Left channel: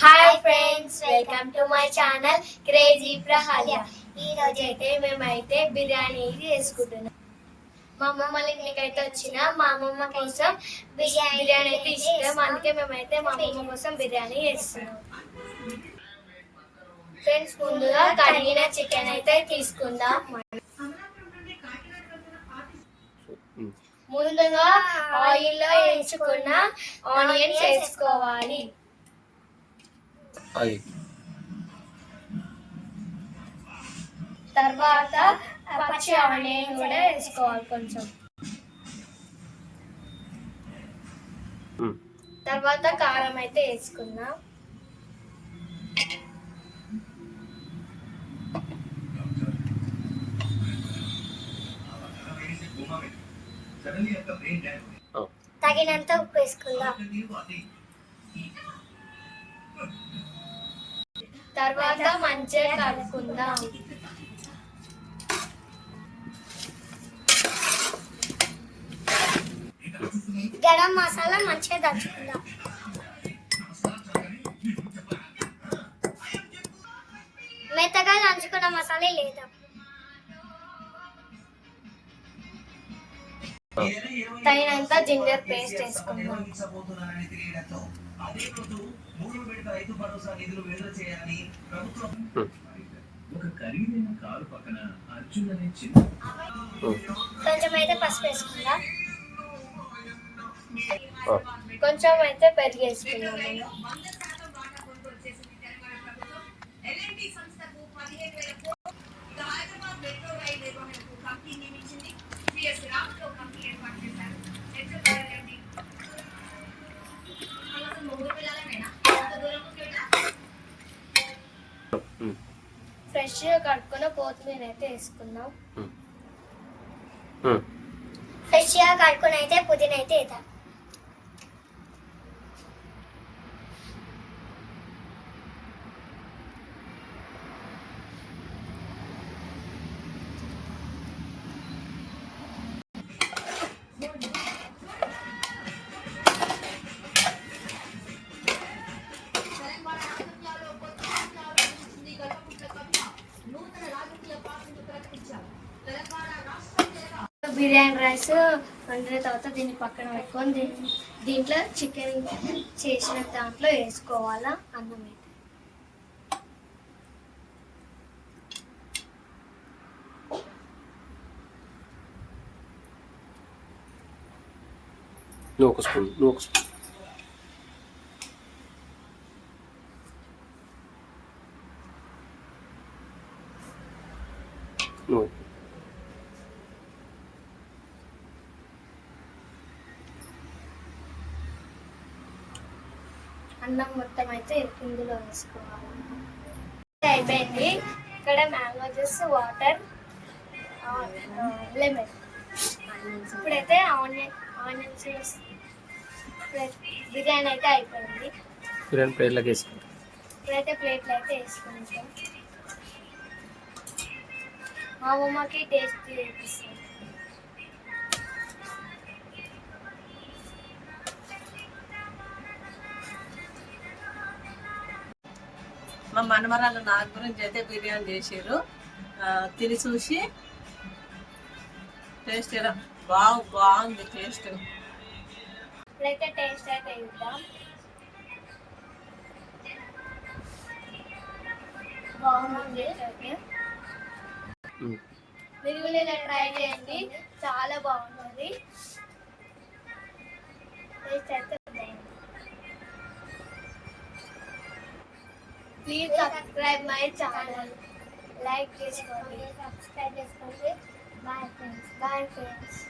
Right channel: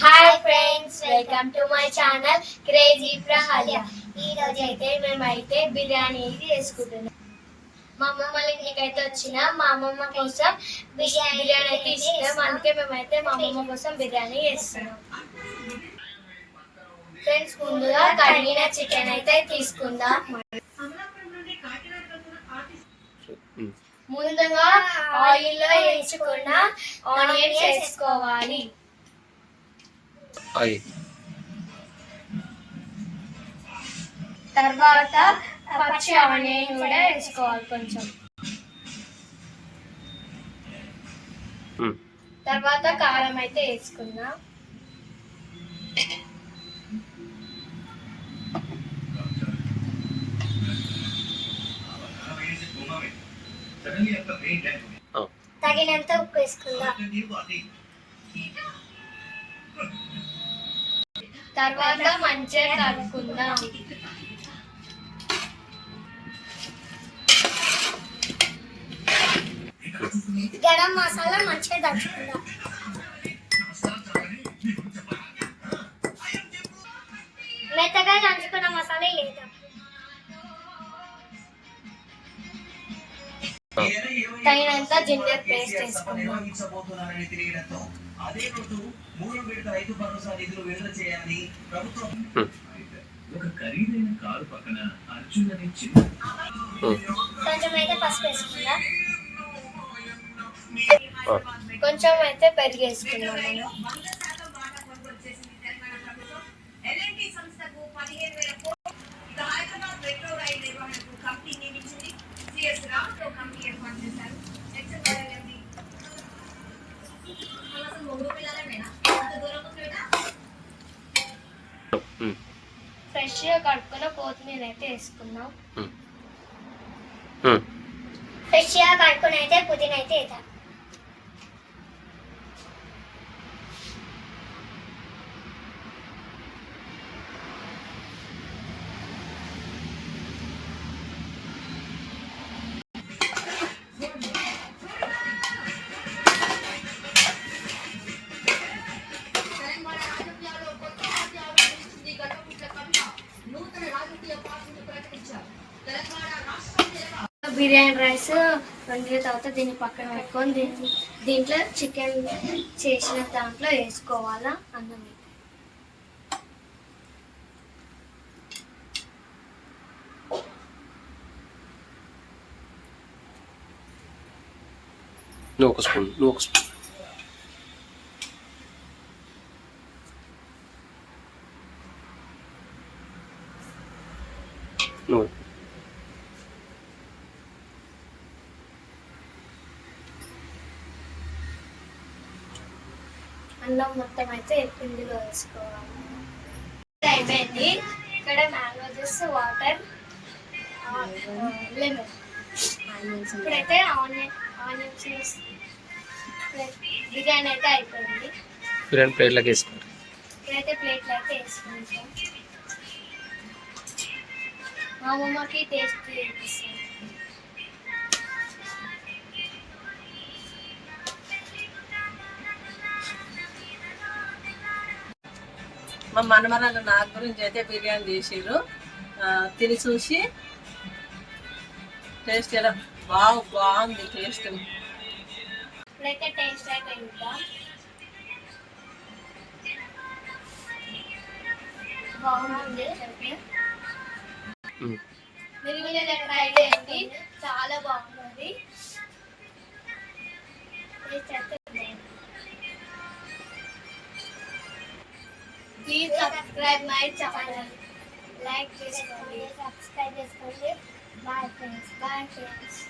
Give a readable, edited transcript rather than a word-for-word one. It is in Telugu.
Hi friends, welcome to my channel crazy Prahalya. ఈ రోజు అయితే మేమైతే బిర్యానీ చేసుకుంటున్నాం. మా అమ్మమ్మ ఇంటికైతే వచ్చిన మా అమ్మమ్మ కోసం బిర్యానీ అయితే ఇష్టం, అందుకే మేమైతే మా అమ్మమ్మ కోసం బిర్యానీ చేస్తున్నాం. ఫ్రెండ్స్, ముందుగా కడిగిన చికెన్ అయితే తీసుకుందాం. ముందుగా ఆయిల్లో వేయించుకున్న ఆనియన్స్ వేసుకోవాలి. తర్వాత పచ్చి ఆనియన్ కూడా వేసుకోవాలి కొంచెం. తర్వాత కారం అయితే వేసుకుందాం. తగినంత ఉప్పు వేసుకుందాం. తర్వాత మంచిగా కలుపుకుందాం. గరం మసాలా మంచిగా దంచుకుందాం. మెత్తగా దంచుకున్న మసాలా లేదా తగినంత జింజర్ పేస్ట్ వేసుకుందాం. కొంచెం అయితే పసుపు వేసుకుందాం. కొంచెం అయితే పెరుగు వేసుకుందాం. ఫ్రెష్గా కడుక్కున్న కొత్తిమీర అయితే వేసుకుందాం. ఫ్రెష్గా కడుక్కుని అయితే పుదీనా అయితే వేద్దాం. బిర్యానీ రైస్ వండిన తర్వాత దీన్ని పక్కన పెట్టుకొని దీంట్లో చికెన్ చేసిన దాంట్లో వేసుకోవాలా అన్నం అయితే. ఒక స్పూన్ అన్నం మొత్తం అయితే ఇందులో వేసుకోవాలి. అయిపోయింది. ఇక్కడ మ్యాంగో జ్యూస్, వాటర్, లెమన్. ఇప్పుడైతే ఆనియన్స్ బిర్యానీ అయితే అయిపోయింది. బిర్యానీ ప్లేట్లోకి వేసుకుంటాం. ఇప్పుడైతే ప్లేట్లో అయితే వేసుకుంటాం. మా అమ్మమ్మకి టేస్ట్ చేపిస్తాం. మా మనమరాలు నా గురించి అయితే బిర్యానీ చేసిర్రు. తిని చూసి టేస్ట్ ఎలా బాగుంది. టేస్ట్ ఇప్పుడైతే టేస్ట్ అయితే ఇద్దాం. బాగుంది. మీరు కూడా ట్రై చేయండి, చాలా బాగుంది. టేస్ట్ అయితే please subscribe my channel. Like చేసుకోండి, సబ్స్క్రైబ్ చేసుకోండి. Bye friends.